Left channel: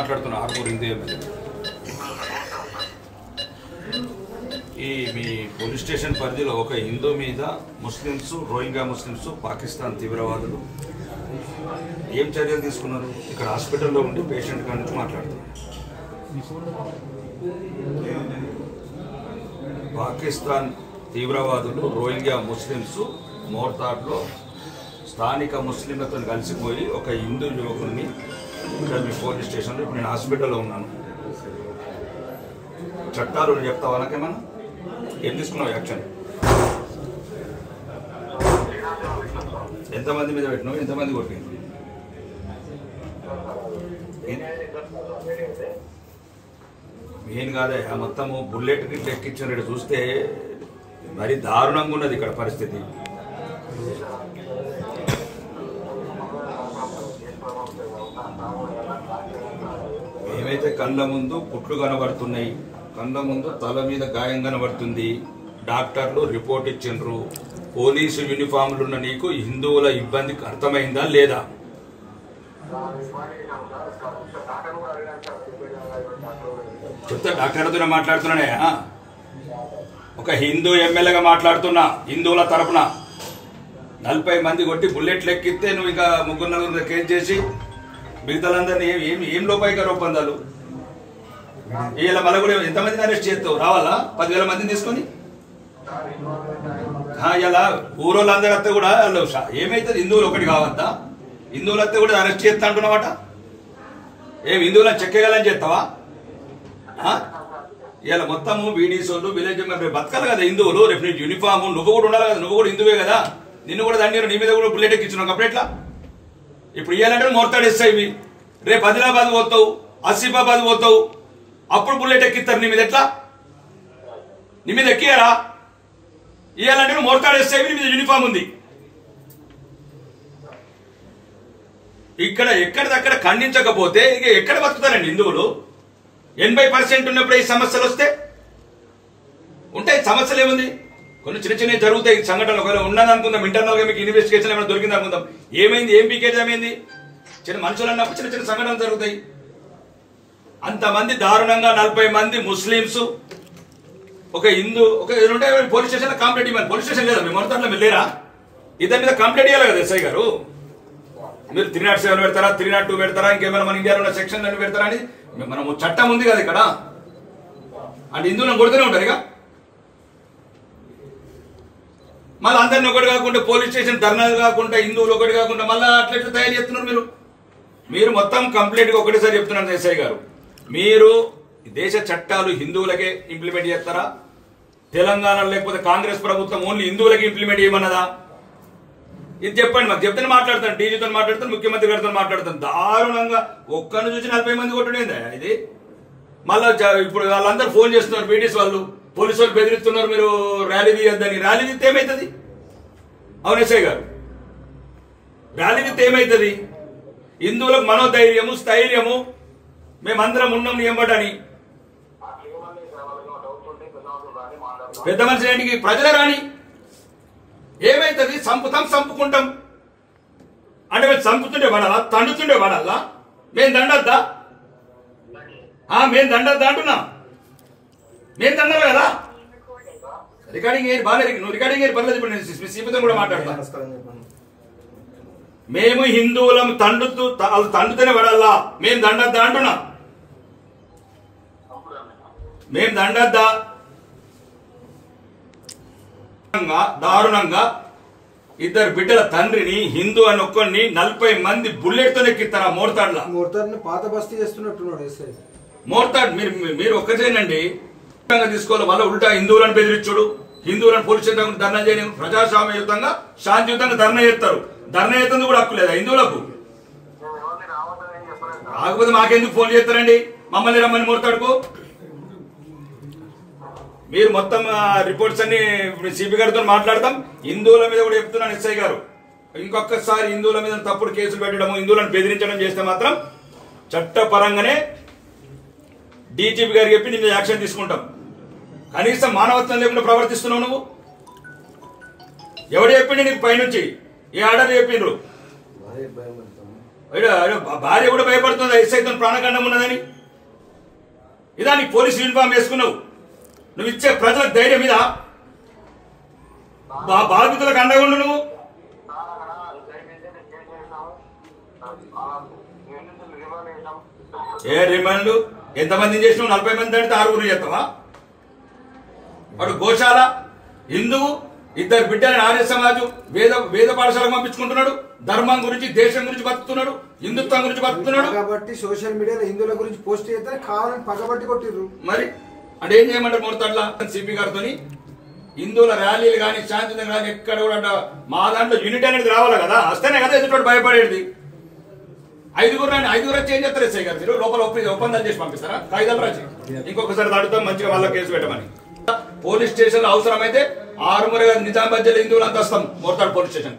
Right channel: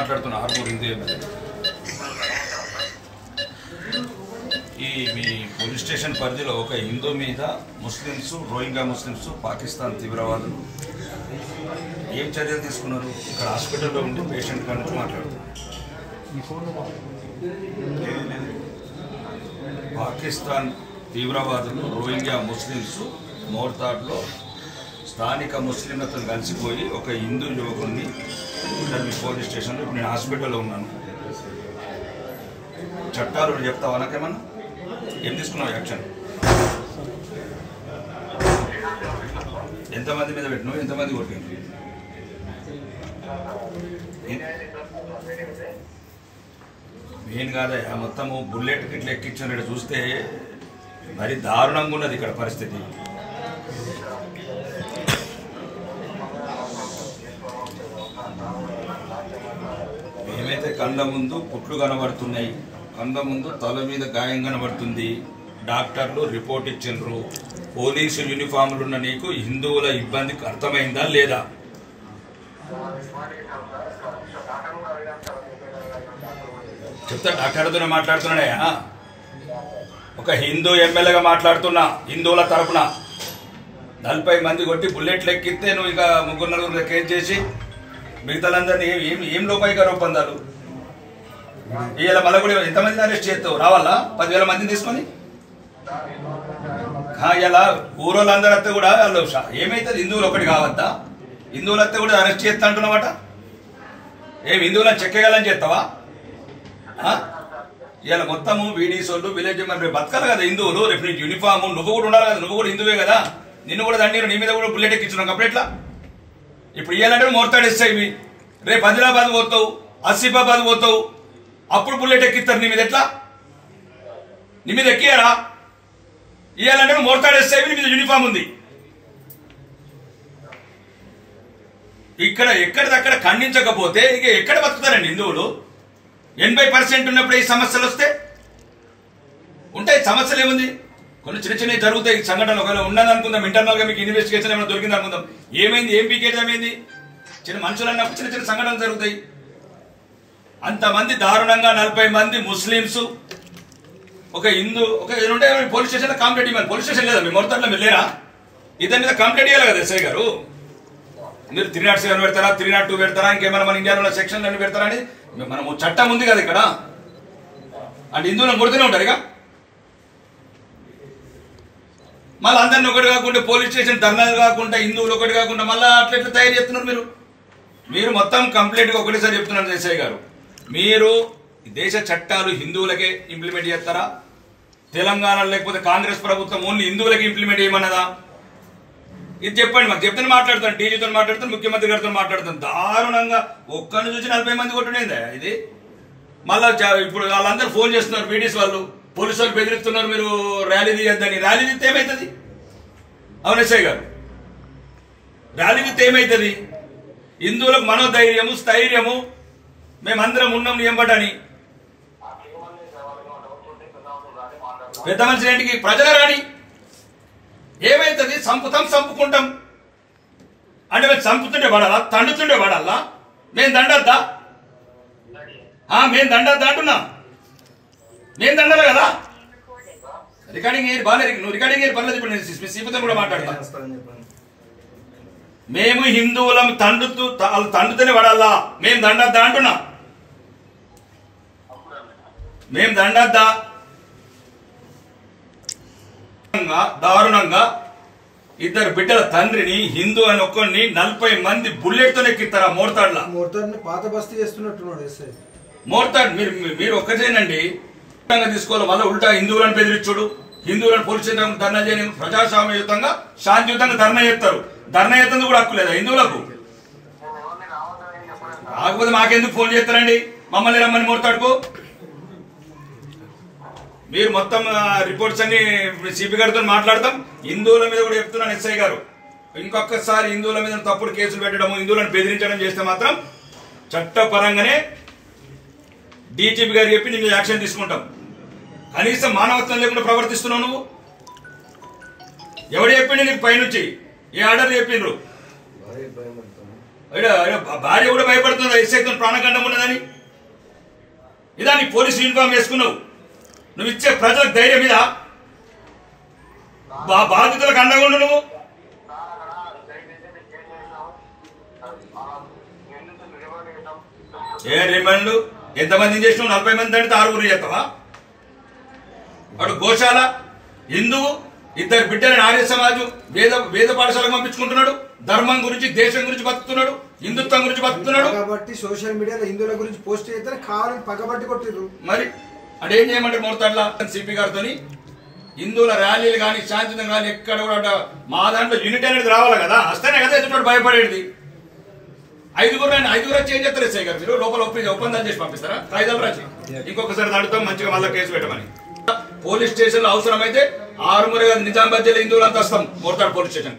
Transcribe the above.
మాట్లాడుతున్నా ఆర్మూర్ హిందూ ఈ మీ police station పరిధిలో ఒక హిందూ మీద ముస్లిమ్స్ రోహింగ్యా ముస్లిమ్స్ పాకిస్తాన్ తీవ్రవాదులు ఏం చర్యలు తీసుకున్నారు? ఇక్కడ హాస్పిటల్లో ఉండి పేషెంట్ కాడి నుంచి మాట్లాడుతున్నారు. పాకిస్తాన్ తీవ్రవాదులు రోహింగ్యా ముస్లిమ్స్ మోర్తాడ్లో స్థానిక ముస్లింలతో కలిసిపోయి ఒక హిందూ యువకుడిని ఇక్కడ మీ పోలీస్ స్టేషన్లో ఇప్పుడు నేను హాస్పిటల్లో ఉన్నాను. చట్టాలు చెప్తావా నాకేమన్నా? ఏం తీసుకున్నావు యాక్షన్? ఎంతమంది మీద పెట్టినావు? ఎంతమంది కొట్టింది? మెయిన్ కాదే మొత్తము బుల్లెట్ గిట్ల ఎక్కించినట్టు చూస్తే మరి దారుణంగా ఉన్నది ఇక్కడ పరిస్థితి. ఏమైతే కళ్ళ ముందు పుట్లు కనబడుతున్నాయి, కళ్ళ ముందు తల మీద గాయం కనబడుతుంది, డాక్టర్లు రిపోర్ట్ ఇచ్చిండ్రు, పోలీసు యూనిఫామ్లు ఉన్న నీకు హిందువుల ఇబ్బందికి అర్థమైందా లేదా? చెప్తా, డాక్టర్తోనే మాట్లాడుతున్నానయ్యా. ఒక హిందూ ఎమ్మెల్యేగా మాట్లాడుతున్నా. హిందువుల తరపున 40 మంది కొట్టి బుల్లెట్లు ఎక్కిస్తే నువ్వు ఇక 3-4 కేసు చేసి మిగతాలందరినీ ఏం లోపాయిక ఒప్పందాలు? ఇలా మళ్ళీ కూడా ఎంతమందిని అరెస్ట్ చేస్తావు? రావాలా 10,000 మందిని తీసుకొని? ఇలా ఊరోళ్ళందరూ వస్తే కూడా వాళ్ళు ఏమైతుంది? హిందువులు ఒకటి కావద్దా? హిందువులు వస్తే కూడా అరెస్ట్ చేస్తా అంటున్నావట. ఏం హిందువులను చెక్కగలని చేస్తావా? ఇలా మొత్తము వీడీసోళ్ళు విలేజ్ మరి బతకాలి కదా హిందువులు. రేపు నీకు యూనిఫామ్ నువ్వు కూడా ఉండాలి కదా, నువ్వు కూడా హిందువే కదా. నిన్ను కూడా దండి నీ మీద కూడా బుల్లెట్ ఎక్కించున్నావు కంప్లీట్లా. ఇప్పుడు ఇవ్వాలంటే మోర్తాడేస్తాయి. రేపు ఆదిలాబాద్ పోతావు, ఆసిఫాబాద్ పోతావు, అప్పుడు బుల్లెట్ ఎక్కిస్తారు నీ మీద. ఎట్లా నీ మీద ఎక్కియారా? ఇవ్వాలంటే మోర్తాడేస్తాయి, నీ మీద యూనిఫామ్ ఉంది. ఇక్కడ ఎక్కడిదక్కడ ఖండించకపోతే ఇక ఎక్కడ బతుకుతారండి హిందువులు? 80% ఉన్నప్పుడు ఈ సమస్యలు వస్తే ఉంటాయి. సమస్యలు ఏముంది? కొన్ని చిన్న చిన్నవి జరుగుతాయి సంఘటనలు. ఒకవేళ ఉన్నది అనుకుందాం, ఇంటర్నల్ గా మీకు ఇన్వెస్టిగేషన్ ఏమైనా దొరికింది అనుకుందాం. ఏమైంది? ఏం పీకేజ్ ఏమైంది? చిన్న మనుషులు అన్నప్పుడు చిన్న చిన్న సంఘటనలు జరుగుతాయి. అంతమంది దారుణంగా 40 మంది ముస్లింస్ ఒక హిందూ ఒక ఉంటే పోలీస్ స్టేషన్ కంప్లైంట్ ఇవ్వాలి. పోలీస్ స్టేషన్ లేదా మీ మొత్తంలో మీరు లేరా? ఇద్దరి మీద కంప్లైంట్ ఇవ్వాలి కదా ఎస్ఐ గారు. మీరు 307 పెడతారా, 302 పెడతారా, ఇంకేమైనా మన ఇండియాలో ఉన్న సెక్షన్లు అన్ని పెడతారా అని మనం చట్టం ఉంది కదా ఇక్కడ. అంటే హిందువులను కొడుతూనే ఉంటారు ఇక. మళ్ళీ అందరిని ఒకటి కాకుండా పోలీస్ స్టేషన్ ధర్నాలు కాకుండా హిందువులు ఒకటి కాకుండా మళ్ళీ అట్లెట్లా తయారు చేస్తున్నారు మీరు మొత్తం కంప్లీట్ గా ఒకటేసారి చెప్తున్నాను ఎస్ఐ గారు. మీరు దేశ చట్టాలు హిందువులకే ఇంప్లిమెంట్ చేస్తారా? తెలంగాణ లేకపోతే కాంగ్రెస్ ప్రభుత్వం ఓన్లీ హిందువులకి ఇంప్లిమెంట్ చేయమన్నదా? ఇది చెప్పండి మాకు. చెప్తే మాట్లాడతాను, డీజీతో మాట్లాడతాను, ముఖ్యమంత్రి గారితో మాట్లాడతాను. దారుణంగా ఒక్కరిని చూసి 40 మంది కొట్టడేందా ఇది? మళ్ళా ఇప్పుడు వాళ్ళందరూ ఫోన్ చేస్తున్నారు, పీడీస్ వాళ్ళు, పోలీసు వాళ్ళు బెదిరిస్తున్నారు, మీరు ర్యాలీ తీయద్దని. ర్యాలీ తీస్తే ఏమవుతుంది? అవును ఎస్ఐ గారు, ర్యాలీ తీస్తే ఏమవుతుంది? హిందువులకు మనోధైర్యము స్థైర్యము మేమందరం ఉన్నాం నియంబటని. పెద్ద మనిషి ఏంటికి? ప్రజల రాని ఏమైతుంది? చంపుకుంటాం అంటే మేము చంపుతుండే పడాలా, తండుతుండే పడాలా? మేము దండద్దా? మేము దండద్దా అంటున్నా. మేము దండాలి కదా. రికార్డింగ్ ఏరి బాగా నువ్వు రికార్డింగ్ ఏరి పర్లేదు. ఇప్పుడు నేను సీపుతో కూడా మాట్లాడతా. మేము హిందువులం తండుతూనే పడాలా? మేము దండద్దా అంటున్నా. మేము దండద్దా? దారుణంగా ఇద్దరు బిడ్డల తండ్రిని హిందూ అని ఒక్కడిని 40 మంది బుల్లెట్ తో ఎక్కిస్తారా? మోర్తాడ్ పాత బస్తీ చేస్తున్నట్టున్నాడు ఎస్ఐ. మోర్తాడ్ మీరు ఒక్కటేనండి తీసుకోవాలి. మళ్ళీ ఉల్టా హిందువులను బెదిరించుడు, హిందువులను పోలీస్ స్టేషన్ ధర్నా చేయడం. ప్రజాస్వామ్యయుతంగా శాంతియుతంగా ధర్నా చేస్తారు. ధర్నా చేస్తుంది కూడా హక్కు లేదా హిందువులకు? కాకపోతే మాకెందుకు ఫోన్ చేస్తారండి? మమ్మల్ని రమ్మని మోర్తాడుకో. మీరు మొత్తం రిపోర్ట్స్ అన్ని సిపి గారితో మాట్లాడతాం. హిందువుల మీద కూడా చెప్తున్నాను ఎస్ఐ గారు, ఇంకొకసారి హిందువుల మీద తప్పుడు కేసులు పెట్టడం, హిందువులను బెదిరించడం చేస్తే మాత్రం చట్టపరంగానే డీజీపీ గారికి చెప్పి నీ మీద యాక్షన్ తీసుకుంటాం. కనీసం మానవత్వం లేకుండా ప్రవర్తిస్తున్నావు నువ్వు. ఎవడు చెప్పిండు నీకు పైనుంచి? ఏ ఆర్డర్ చెప్పిండ్రు? భార్య కూడా భయపడుతుంది ఎస్ఐతో ప్రాణగండం ఉన్నదని. ఇదా నీ పోలీసు యూనిఫామ్ వేసుకున్నావు, నువ్వు ఇచ్చే ప్రజలకు ధైర్యం మీద బాధితులకు అండగా ఉండు. నువ్వు ఏ రిమాండ్లు ఎంతమందిని చేసినావు? 40 మంది అంటే 6 చేస్తావా? వాడు గోశాల హిందువు, 2 బిడ్డలని ఆర్య సమాజం వేద పాఠశాలకు పంపించుకుంటున్నాడు. ధర్మం గురించి, దేశం గురించి బతుకుతున్నాడు, హిందుత్వం గురించి బతుకుతున్నాడు. కాబట్టి సోషల్ మీడియాలో హిందువుల గురించి పోస్ట్ చేస్తే కావాలని పగబట్టి కొట్టిర్రు. మరి అంటే ఏం చేయమంటారు? మొత్తంలా సిపి గారితో హిందువుల ర్యాలీలు కానీ శాంతియుతంగా కానీ ఎక్కడ కూడా మా దాంట్లో యూనిట్ అనేది రావాలి కదా, వస్తేనే కదా ఎదుటి భయపడేది. 5 వచ్చి ఏం చేస్తారు ఎస్ఐ గారు? మీరు లోపల ఒప్పందాలు చేసి పంపిస్తారా? కాగితాలు రాసి ఇంకొకసారి దాడుతాం మంచిగా వాళ్ళ కేసు పెట్టమని. పోలీస్ స్టేషన్ లో అవసరమైతే 6 నిజామాబాద్ జిల్లా హిందువులంతా వస్తాం మోర్తాడు పోలీస్ స్టేషన్.